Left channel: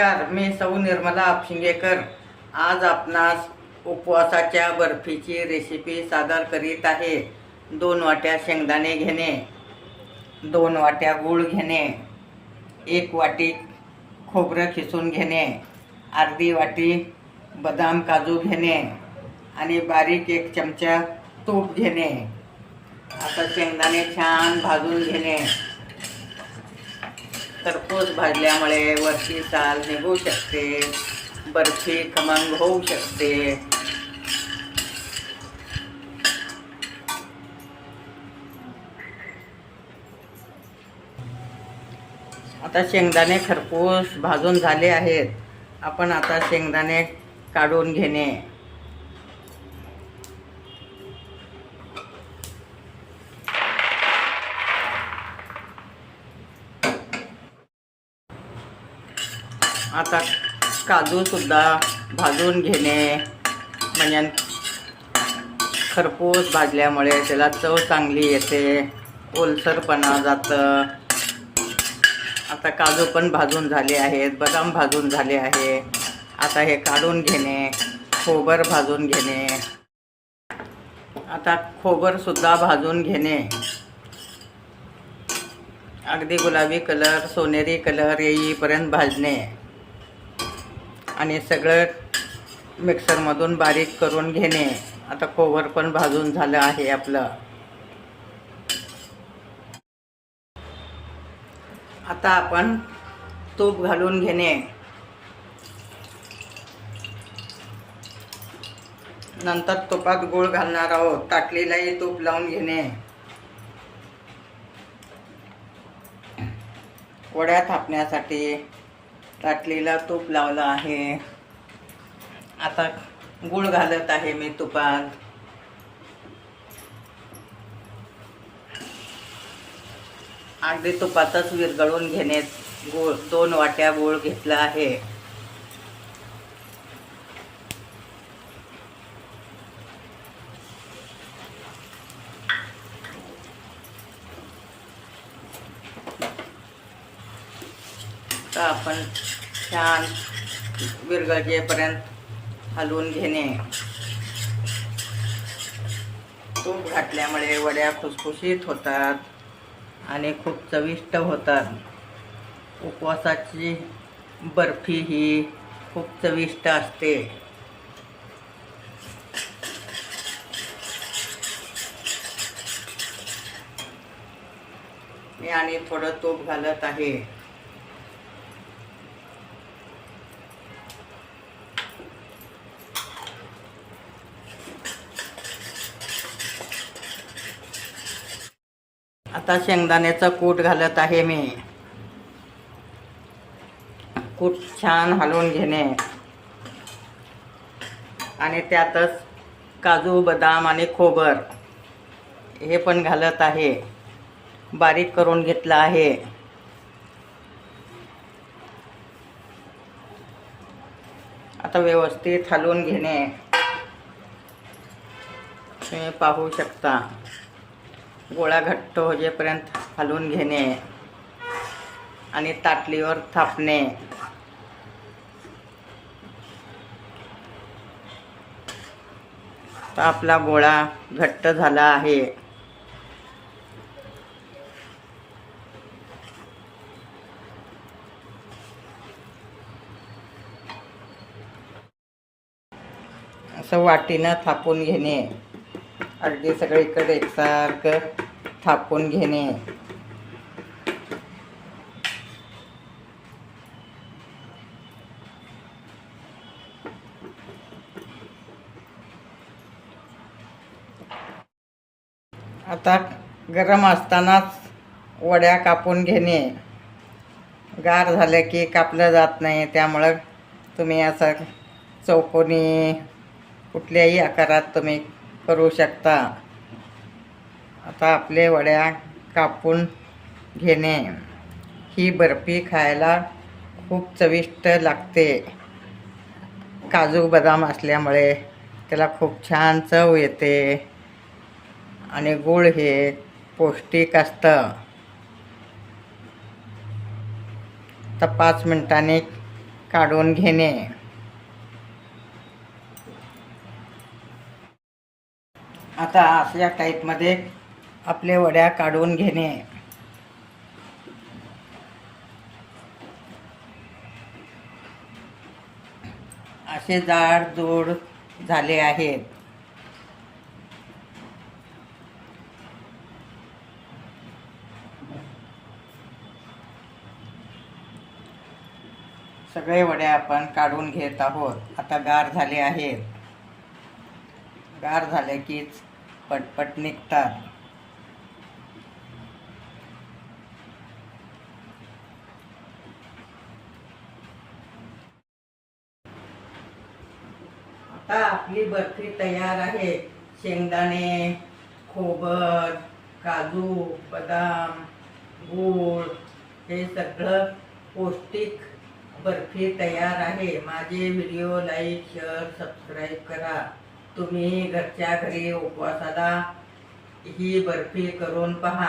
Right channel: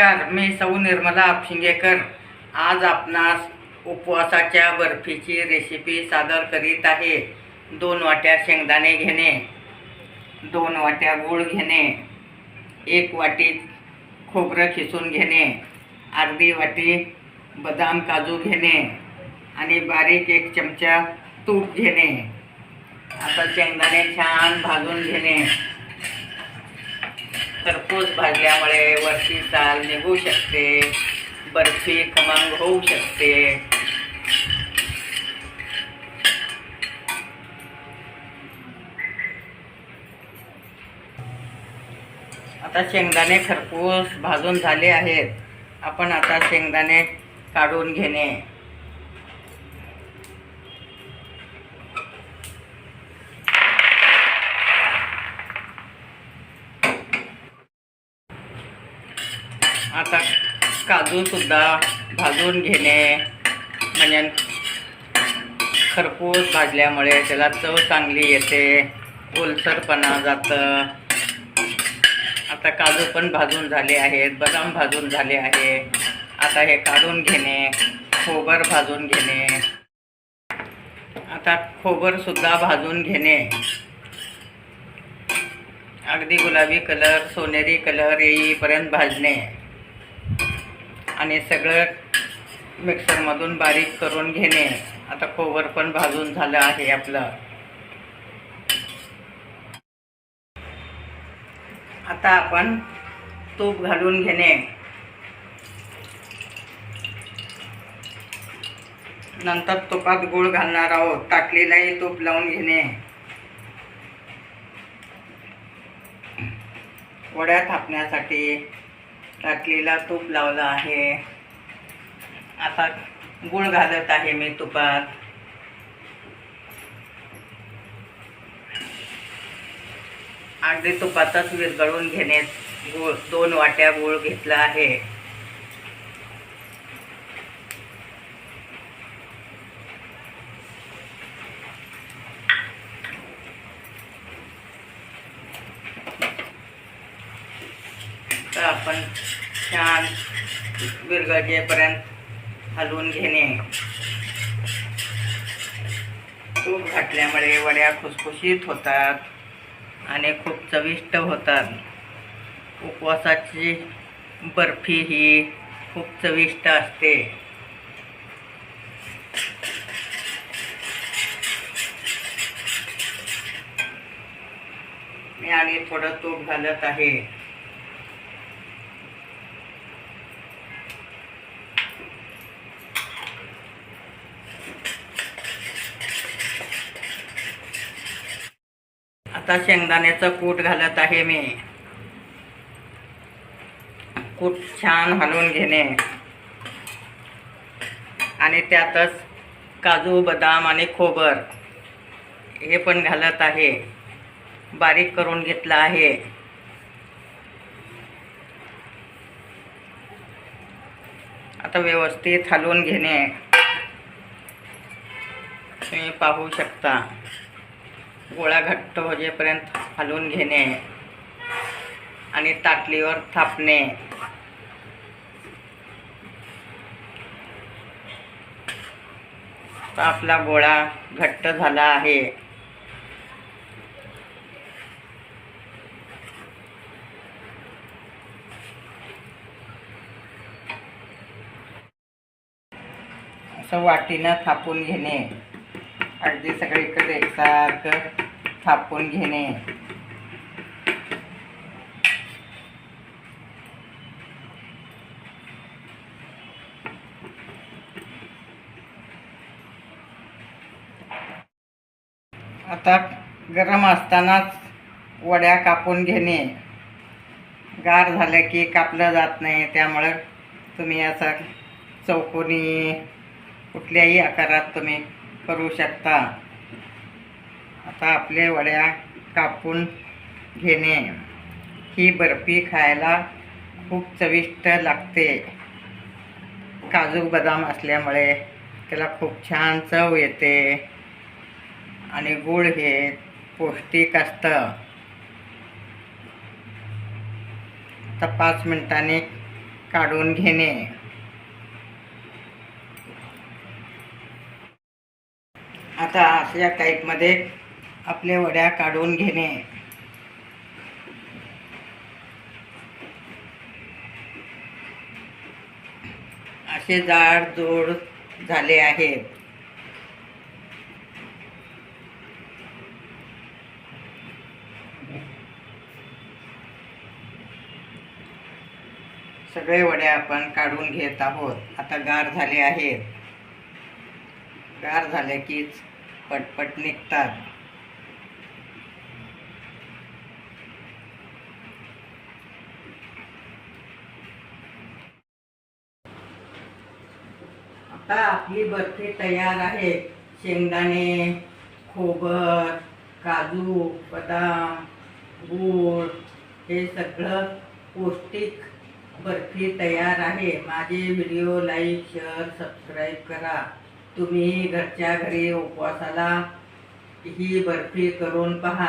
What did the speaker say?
नमस्कार, मी सौ निर्मला आपशिंगेकर आज आपणास उपवासाच्या बर्फीची रेसिपी सादर करीत आहे। 2 वाट्या शेंगदाणे घेणे, 2 वाट्या गूळ घेणे, 1 वाटी खोबरं खिसून घेणे, अर्धी वाटी बदाम काजू घेणे आणि बारीक 1 चमचा तूप घेणे। आता शेंगदाणे छान भाजून घेणे। खरपूस भाजल्यामुळे वरची साल निघू शकते, बर्फी खमंग होऊ शकते। आता शेंगदाणे खरपूस भाजून झाले आहेत। आपण आता शेंगदाणे काढून घेणे। आता काजू सुद्धा भाजून घेणे, म्हणजे खरपूस भाजल्यामुळे त्याला चव चांगली येते, ओलसरपणा जातं। आता काजू पण भाजून झाले आहेत, बदाम भाजून झाले आहे। आता हे काढून घेणे, खोबर भाजून घेणे। आता खोबर सुद्धा भाजून घेणे, अगदी गुलाबी कलर सोनेरी कलर येईपर्यंत भाजणे आणि सगळं मिक्सरमधून बारीक करून घेणे। आता खोबर पण भाजून झालं आहे आपलं। आता आपण तूप घालून घेणे, नंतर तुपात गूळ घालणार आहोत। ताटलीलाही तूप लावून घेणे। वड्या थापण्यासाठी ताटलीला तूप लावलं आहे। आता गूळ घालत आहे मी तुपात। अगदी तुपातच विरघळून घेणे गूळ। 2 वाट्या गूळ घेतला आहे। तर आपण छान विरघळेपर्यंत हलवून घेणे। तूप घातल्यामुळे वड्या खुसखुशीत होतात आणि खूप चविष्ट होतात। उपवासाची बर्फी ही खूप चविष्ट असते। मी आणि थोडं तूप घालत आहे। आता शेंगदाण्याचं कूट घालत आहे मी। कूट छान हलवून घेणे आणि त्यातच काजू बदाम आणि खोबर हे पण घालत आहे। बारीक करून घेतलं आहे। आता व्यवस्थित हलवून घेणे। तुम्ही पाहू शकता, गोळा घट्ट होईपर्यंत हलवून घेणे आणि ताटलीवर थापणे। तर आपला गोळा घट्ट झाला आहे। असं वाटीनं थापून घेणे, अगदी सगळीकडे एकसारखं थापून घेणे। आता गरम असतानाच वड्या कापून घेणे। गार झाल्या की कापलं जात नाही, त्यामुळं तुम्ही असं चौकोनी कुठल्याही आकारात तुम्ही करू शकता। आता आपले वड्या कापून घेणे। ही बर्फी खायला खूप चविष्ट लागते। काजू बदाम असल्यामुळे त्याला खूप छान चव येते आणि गूळ हे पौष्टिक असतं। तर 5 मिनिटांनी काढून घेणे. आता अशा टाईपमध्ये आपल्या वड्या काढून घेणे. असे जाडजूड झाले आहेत. सगळे वडे आपण काढून घेत आहोत. आता गार झाले आहेत. गार झाले कीच पटपट निघतात. आता आपली बर्फी तयार आहे. शेंगदाणे, खोबर, काजू, बदाम, गूळ हे सगळं पौष्टिक बर्फी तयार आहे. माझे व्हिडिओ लाईक, शेअर, सबस्क्राईब करा. तुम्ही घरच्या घरी उपवासाला ही बर्फी करून पहा.